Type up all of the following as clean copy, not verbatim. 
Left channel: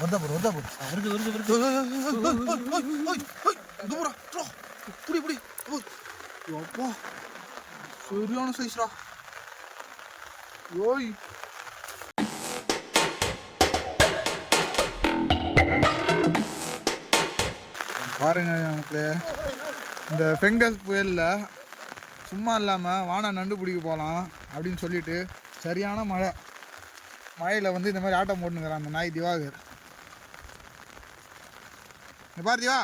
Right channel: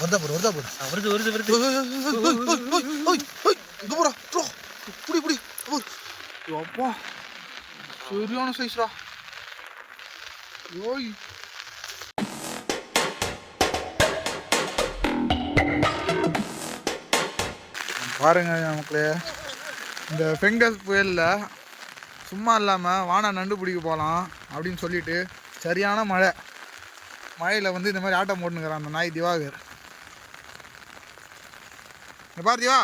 வருதா போடு வருது வருது வருது இங்க போடா புடி புடி அப்பா சரியான சைஸ்ரா. ஓய் பாருங்க நமக்கு இந்த பெங்கல் புயலில் சும்மா இல்லாமல் வானா நண்டு பிடிக்க போகலாம் அப்படின்னு சொல்லிட்டு சரியான மழையில் வந்து இந்த மாதிரி ஆட்டம் போட்டுனுக்கிறான் அந்த நாய் திவாகர். பாரு திவா,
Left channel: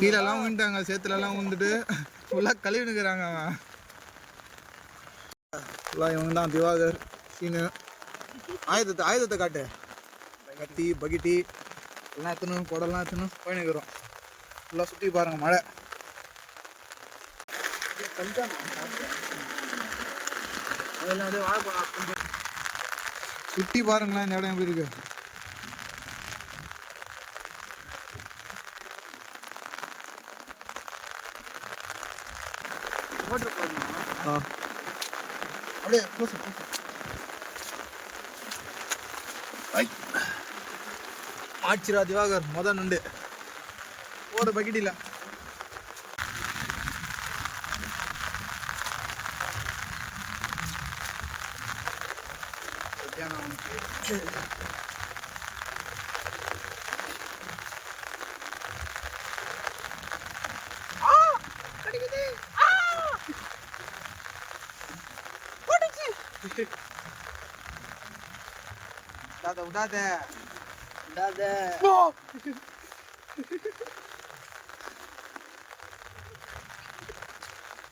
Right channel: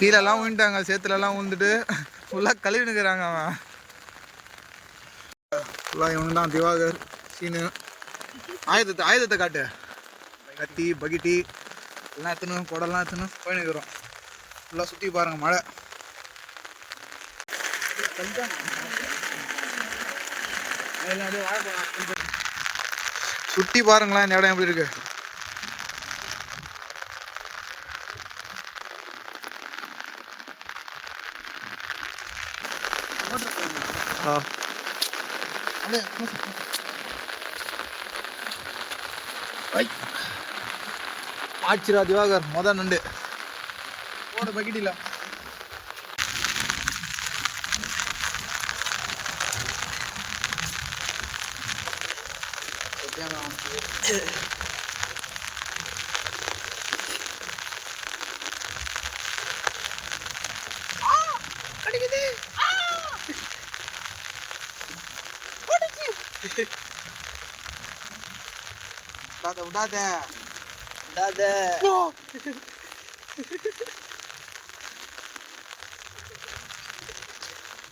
கீழெல்லாம் விழுந்துட்டாங்க, சேத்துலலாம் விழுந்துட்டு ஃபுல்லாக கழுவினுக்கிறாங்க. அவன் ஃபுல்லாக இவனு தான் திவாகர் சீனு. ஆயுதத்தை காட்டு, கத்தி பகிட்டி எல்லாம் எத்தணும், குடம்லாம் எத்தணும் போயினுக்கிறோம். ஃபுல்லாக சுற்றி பாருங்கள் மழை. சுற்றி பாருங்களேன் இந்த இடம் எப்படி இருக்கு. ஆச்சிரா திவாகர் மொதல் நண்டு ஓட பக்கெட்டில. விடாத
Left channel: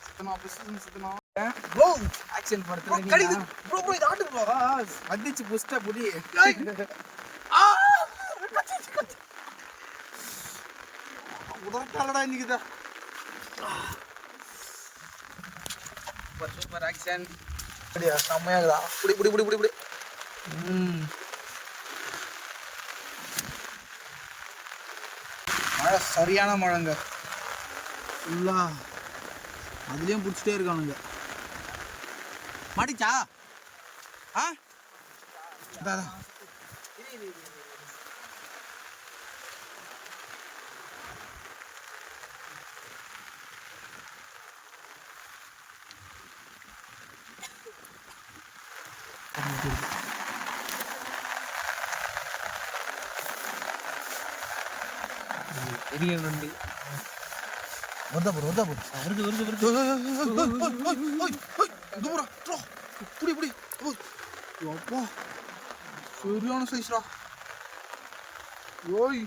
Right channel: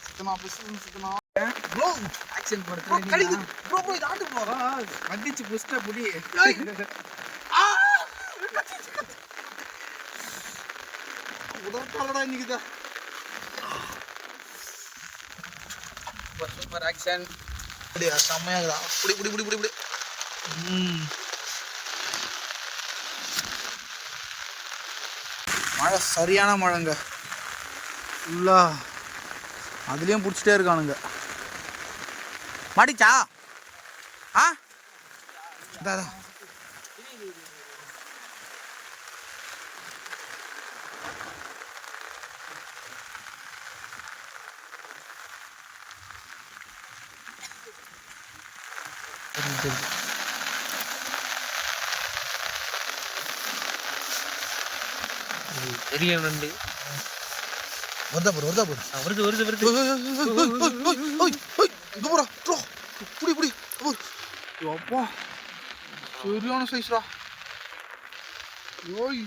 சுத்தமா சுத்தமா ப்ரோ ஆக்சன் பண்ணுங்க. கடிது ப்ரோ இது ஆட்டு ப்ரோ அடிச்சு புஷ்டா புடி. உதறடா இன்னைக்கு சூப்பர் ஆக்சன். அப்படியே செமையாகுதா. புடி புடி புடி புடி புடி. மழை சரியான மழைங்க ஃபுல்லா. அதுலேயும் பிடிச்சிட்டே இருக்கானுங்க. மாட்டிச்சா? ஆ அதான் பெரிய நண்டு வருதா போடு வருது வருது வருது. இங்க போடா புடி புடி. அப்பா சரியான சைஸ்ரா. ஓய்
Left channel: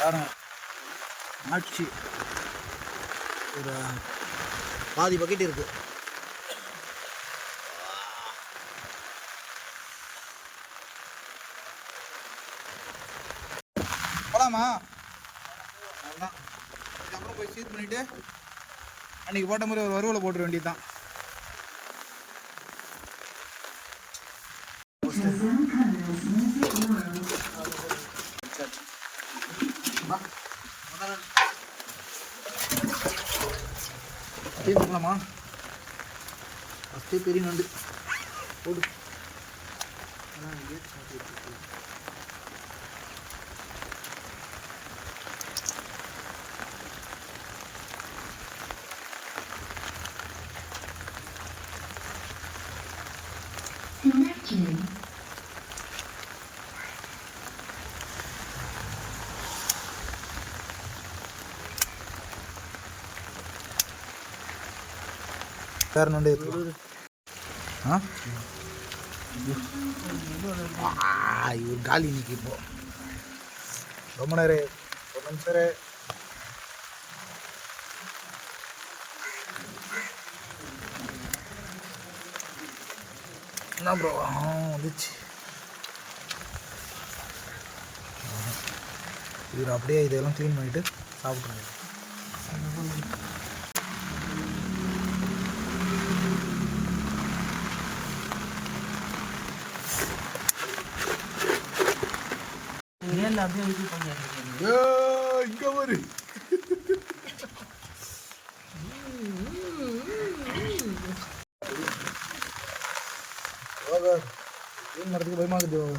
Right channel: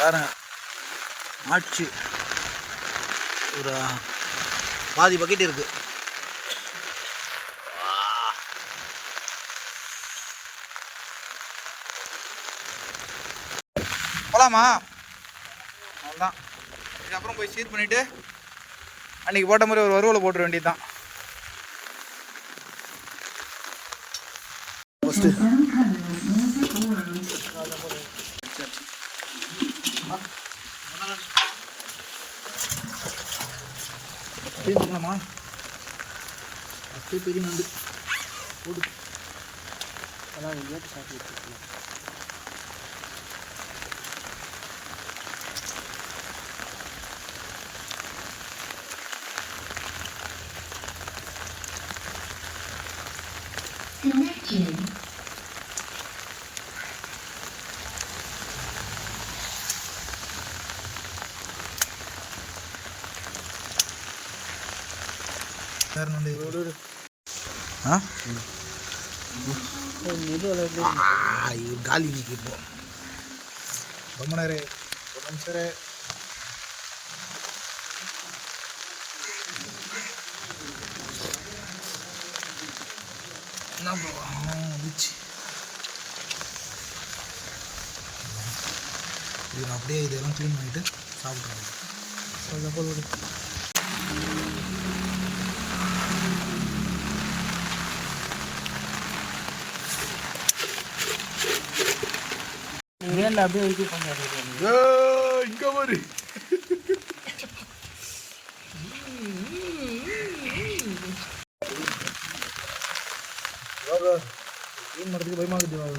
பாருங்க ஆச்சு. ஒரு பாதி பக்கெட் இருக்கு. போலாமா? அவ்வளோதான். இதுக்கப்புறம் போய் சீட் பண்ணிட்டு அன்னைக்கு போட்ட மாதிரி ஒரு வறுவலை போட்டுற வேண்டியதுதான். பண்ணலாமா? அப்படியே பெரிய நண்டு போடு. வேறு நண்டு இவர் காலி இன்னைக்கு. இப்போ ரொம்ப நேரம் ஒரு நிமிஷம் என்ன ப்ரோ வந்துச்சு. இவர் அப்படியே இதெல்லாம் க்ளீன் பண்ணிட்டு சாப்பிட்ருவாங்க. மேல அப்படியே இது பண்ணிடுறேன். இங்கே ஒரு மீன் மரத்துக்கு பயமாக்குது வாங்க.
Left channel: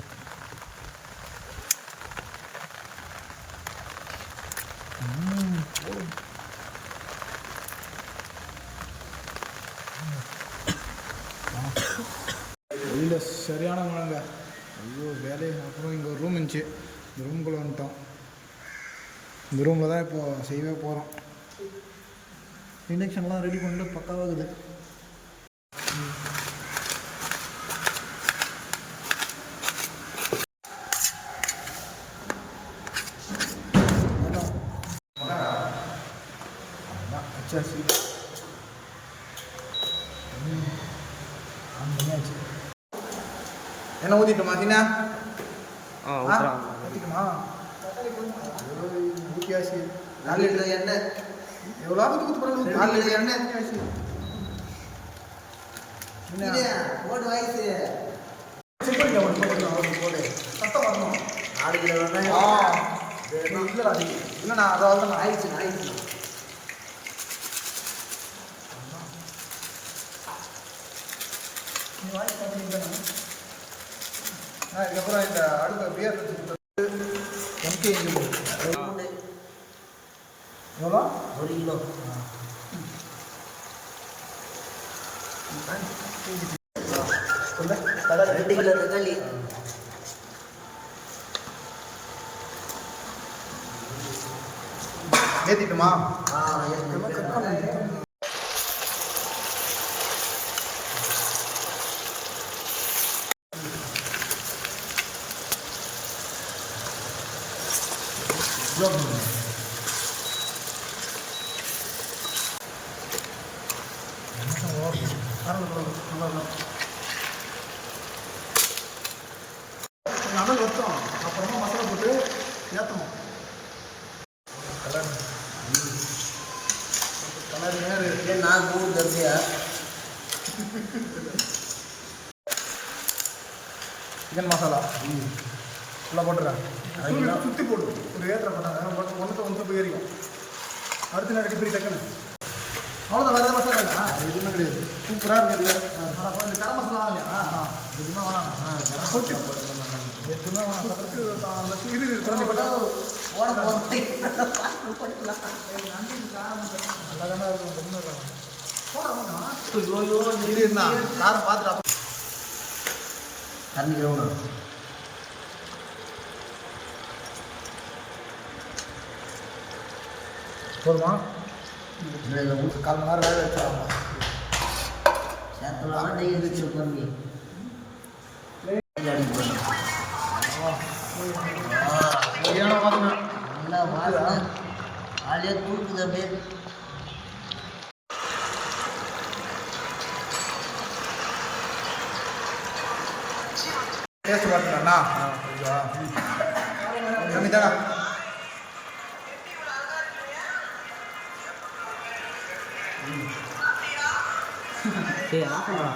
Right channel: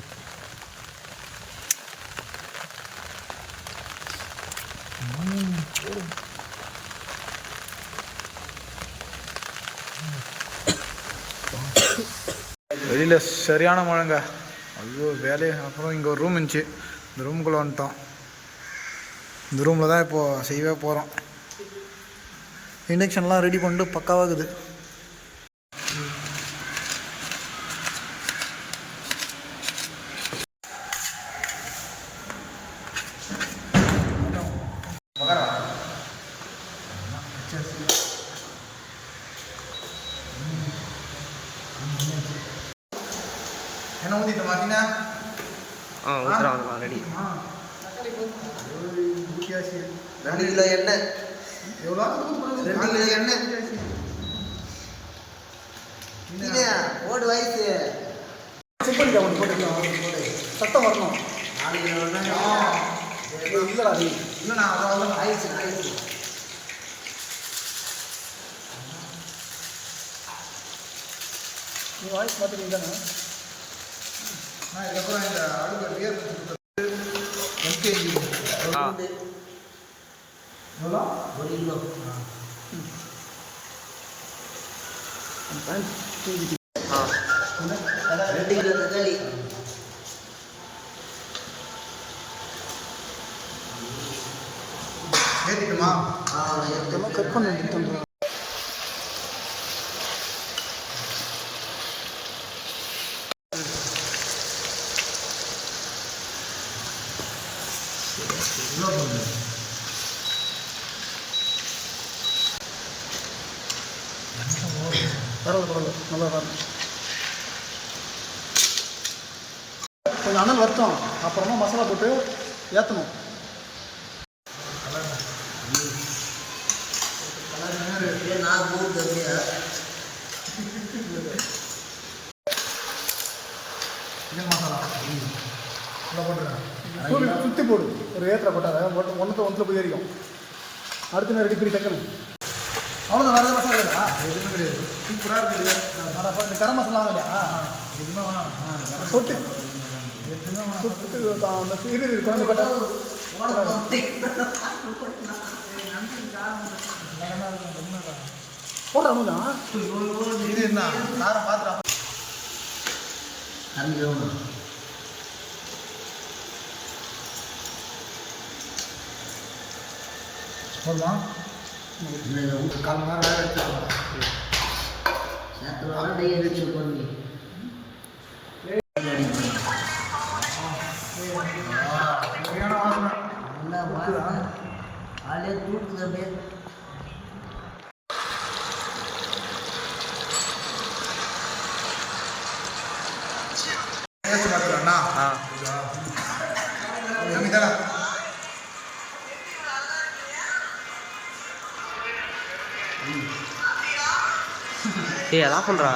வெளியில் சரியான மழைங்க. ஐயோ வேலையை. அப்புறம் இங்கே ஒரு ரூம் இருந்துச்சு, இந்த ரூமுக்குள்ளே வந்துட்டோம். இந்த ரூமில் தான் இப்போது செய்யவே போகிறோம். இண்டக்ஷன்லாம் ரெடி பண்ணிட்டு பக்காவாகுது. என்ன ஊற்றிட்டு மாத்தினா ஊற்றுறாங்க ரெடி. எண்ணெய் எவ்வளோ எண்ணெய் போடு வயசு சத்தம் வரணும். 4 கிலோ இல்லைண்ணா, அதாவது ஆயிடுச்சுண்ணா. வாய்ஸ் பார்த்தீங்கன்னா இதுக்கப்புறம் இந்த அடுத்த பேர் எவ்வளோ 1 கிலோ 2 கிலோ தக்காளி. ஏற்றிக்குமா? செக் பண்ணி கொஞ்சம் அனல் வருத்தம், அப்புறமா மசாலா போட்டு ஏற்றணும். சிக்கன் மசாலா நல்லா போட்டுறேன். சுற்றி போடு, ஒரு ஏற்ற போட்டாங்க ஒன்றுல போய் ஏறிக்கும். அடுத்து நான் ரெடி பண்ணி டக்குன்னு அவ்வளோ வேறு மசாலா எதுவுமே கிடையாது. சூப்பராக இருக்குது. இந்த கரம் மசாலா இல்லையா? எதுவுமே யாரும் பார்த்துட்டா கரண்டிக்கிறவங்க போதுமா? 1/4 மணி நேரம் வேலை வச்சுருவாங்க. சேத்தலாம் டெய்லி வச்சு பண்ணி நல்லா வாசனை காலையே தூக்குது. அப்படியே டேஸ்ட் பார்த்துக்கலாம்ண்ணா. தானே ஏய் அதான் பண்ணுறா.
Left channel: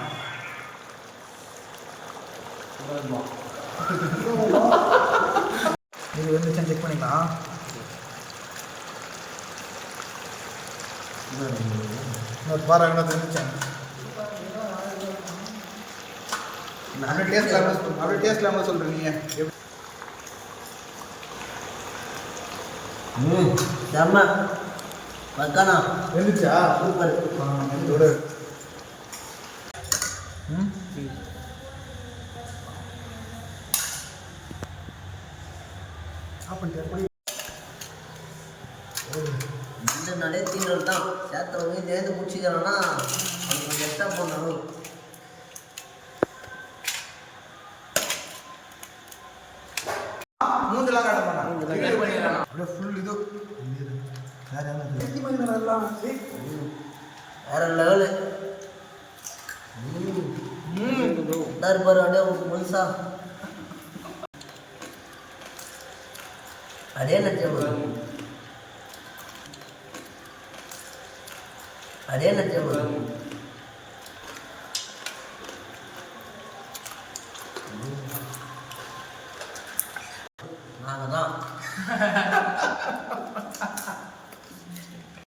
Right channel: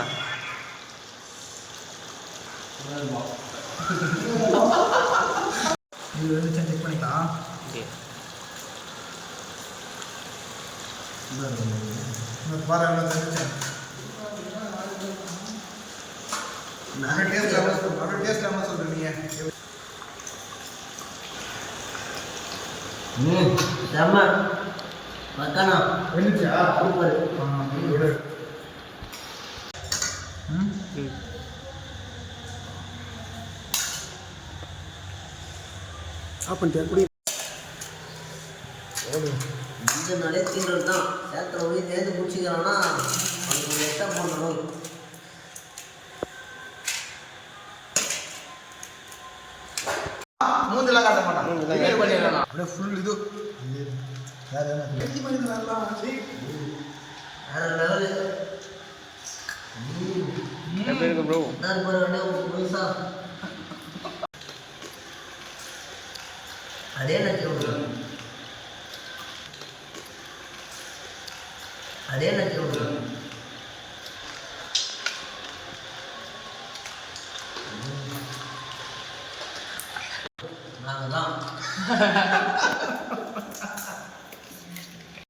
இது வந்துச்சா செக் பண்ணிக்கலாம். பாரு என்ன வந்துச்சேன். நாங்கள் டேஸ்ட் என்ன சொல்கிறேன் நீங்கள்? செம்ம பக்கானா வந்துச்சா? சூப்பர். இந்த நிலையத்தின்றது தான் சேத்திர போய் நேர்ந்து முடிச்சுக்கிறான்னா அவனுக்கு கொஞ்சம் எக்ஸ்ட்ரா பண்ணணும். மூஞ்செல்லாம் காட்ட மாட்டான். அப்படியே ஃபுல் இது வேற லெவலு. ப்ரோ அப்படியே முழுசா அதே நினைச்சு அதே நினைச்சு நாங்கள் தான்